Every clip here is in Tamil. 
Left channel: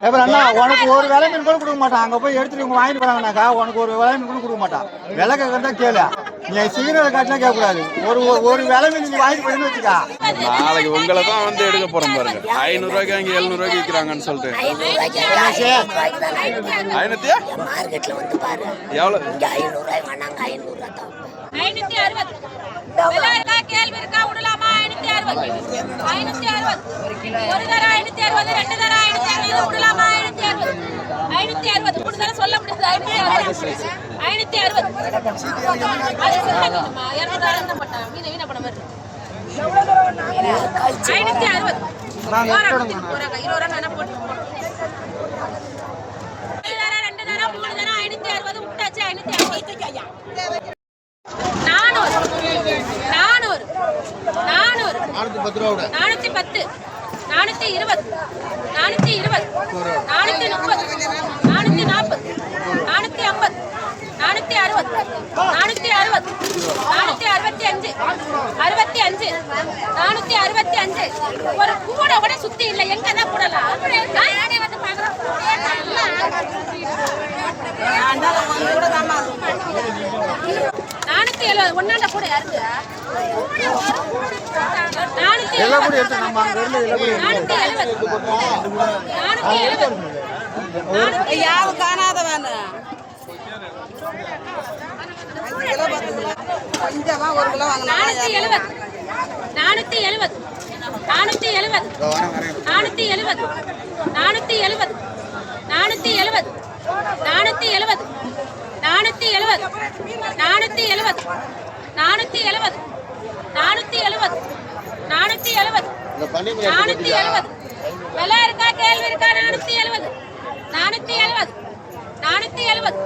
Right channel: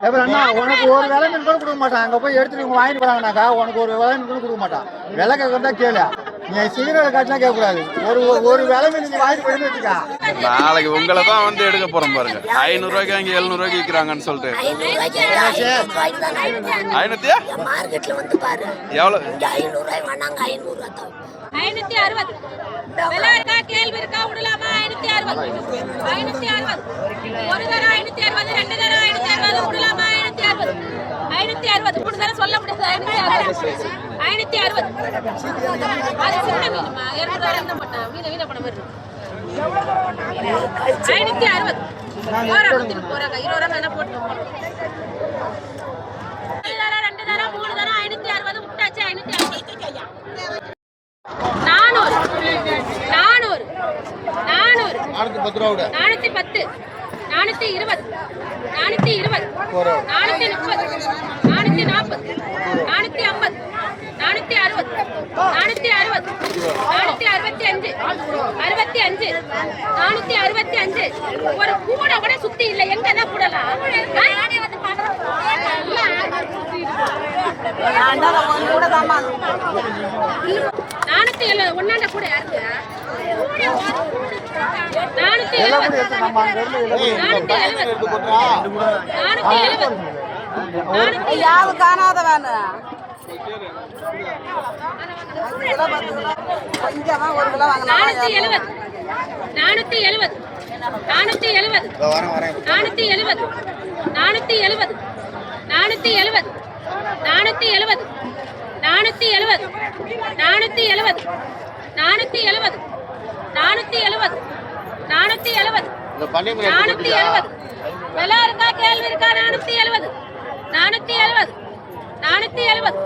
அப்புறம் அண்ணா உனக்கு ஒரு விலை மீன் கூட கொடுக்க மாட்டான். அங்கே போய் எடுத்துட்டு இவங்க வாங்கிட்டு போறாங்கனாக்கா உனக்கு ஒரு விலை மீன் கூட கொடுக்க மாட்டான். விலை கேட்கறதா கேளு. நீ சிக்னல் காட்டினா கேட்கக்கூடாது. ஒரு ஒரு- ஒரு விலை மீன் நீங்க வாங்கி போயின்னு வச்சுக்கா. நாளைக்கு உங்களை தான் வந்து எடுக்க போறோம் பாருங்க. ஐநூறுரூவாய்க்கு அங்கே எழுநூறுவாய்க்கு விற்கிறாங்கன்னு சொல்லிட்டு. ஐநூத்தியா மார்க்கெட்ல வந்து பாரு எவ்வளோ ஐநூறு ஐநூறு ஐநூத்தி அறுபது. ஐநூத்தி அறுபது ஒரு தர ஐநூத்தி அறுபது ரெண்டு தரம் ஐநூத்தி அறுபது விடலாமா ஐநூத்தி அறுபது ஐநூத்தி அறுபது மூணு தரம் சொல்ல முடியாது ஐநூத்தி அறுபது ஐநூத்தி அறுபது அது சின்ன மீனுமா இரநூறு தரம் என்ன பண்ணா மீனை வீண பண்ண மாதிரி ஐநூத்தி அறுபது போறாங்க போறாங்க இருபது ரூபா வேணா போட்டு ஒரு தரம், ரெண்டு தரம் மூணு தரம் ஐநூத்தி அறுபது விட்டாச்சு ஐநூத்தி அறுபது நானூற்றி பத்து ரூபா விட. நானூத்தி பத்து. நானூத்தி இருபது. நானூத்தி முப்பது. நானூத்தி நாற்பது. நானூத்தி ஐம்பது. நானூத்தி அறுபது. நானூத்தி அறுபது. நானூத்தி அறுபத்தி அஞ்சு. அறுபத்தி அஞ்சு. நானூத்தி அறுபத்தி அஞ்சு. ஒரு கூட கூட சுத்தி இல்ல. எங்க தான் போடலாம் நானூத்தி எழுபது ஒன்னாண்ட கூட யாருக்கு நானூத்தி எல்லாம் கூட எடுத்து நம்ம அங்கே இருந்து எல்லாம் எழுபது. எழுபது காணாத வேணும் அஞ்சு கிலோ பத்து கிலோ கொஞ்சமா ஒரு கிலோ வாங்கினா நானூத்தி எழுபது. நானூத்தி எழுபது. நானூத்தி எழுபது. நானூத்தி எழுபது. நானூத்தி எழுபது. நானூத்தி எழுபது நானூத்தி எழுபது நானூத்தி எழுபது நானூத்தி எழுபது நானூத்தி எழுபது நானூத்தி எழுபது இந்த பண்ணி நானூத்தி எழுபது விலை இருக்கா கேள்வி இருக்கா நானூத்தி எழுபது நானூத்தி எழுபது நானூத்தி எழுபது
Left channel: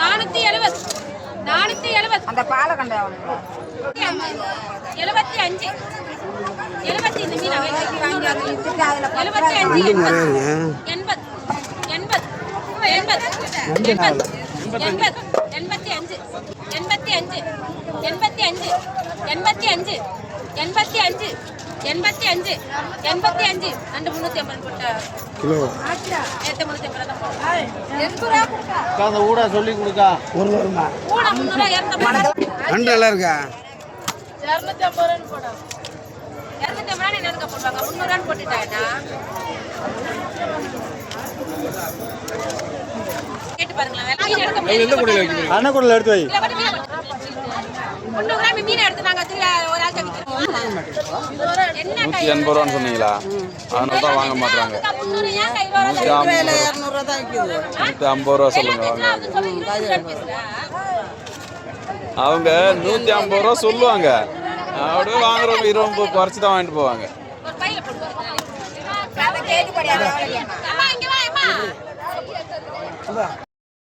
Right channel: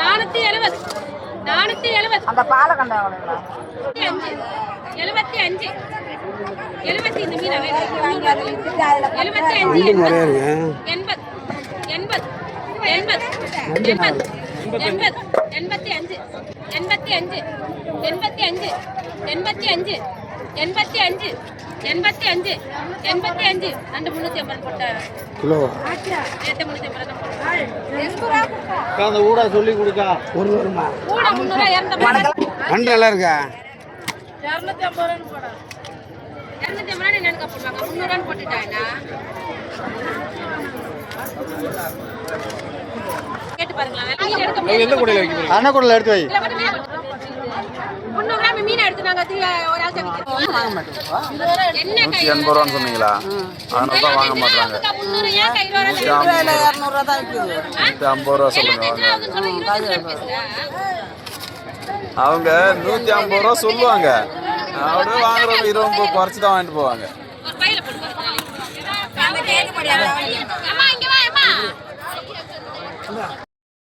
நானூத்தி எழுபது நானூத்தி எழுபது அந்த பாலை கண்ட எழுபத்தி அஞ்சு எழுபத்தி இந்த மீன் எழுபத்தி அஞ்சு எண்பது எண்பது எண்பது எண்பது எண்பது எண்பத்தி அஞ்சு எண்பத்தி அஞ்சு எண்பத்தி அஞ்சு எண்பத்தி அஞ்சு எண்பத்தி அஞ்சு எண்பத்தி அஞ்சு எண்பத்தி அஞ்சு ரெண்டு முந்நூற்றி ஐம்பது போட்டா. கிலோ. நேற்று முந்நூற்றி ஐம்பது அந்த ஊட சொல்லி கொடுக்கா. ஒரு வருமா கூட முந்நூறு இரநூத்தி நண்டு நல்லா இருக்கா இரநூத்தி ஐம்பது ரூபான்னு போடும் இரநூத்தி ஐம்பது ரூபா நினைக்க போடுவாங்க? முந்நூறுவான்னு போட்டுட்டாங்க அன்னக்கூடல எடுத்து வை நூற்றி எண்பது ரூபான்னு சொன்னீங்களா அதனால வாங்க மாட்டாங்க நூற்றி நூற்றி ஐம்பது ரூபா சொல்லுங்க அவங்க நூற்றி ஐம்பது ரூபா சொல்லுவாங்க அப்படியே வாங்குறவங்க இருபது குறைச்சி தான் வாங்கிட்டு போவாங்க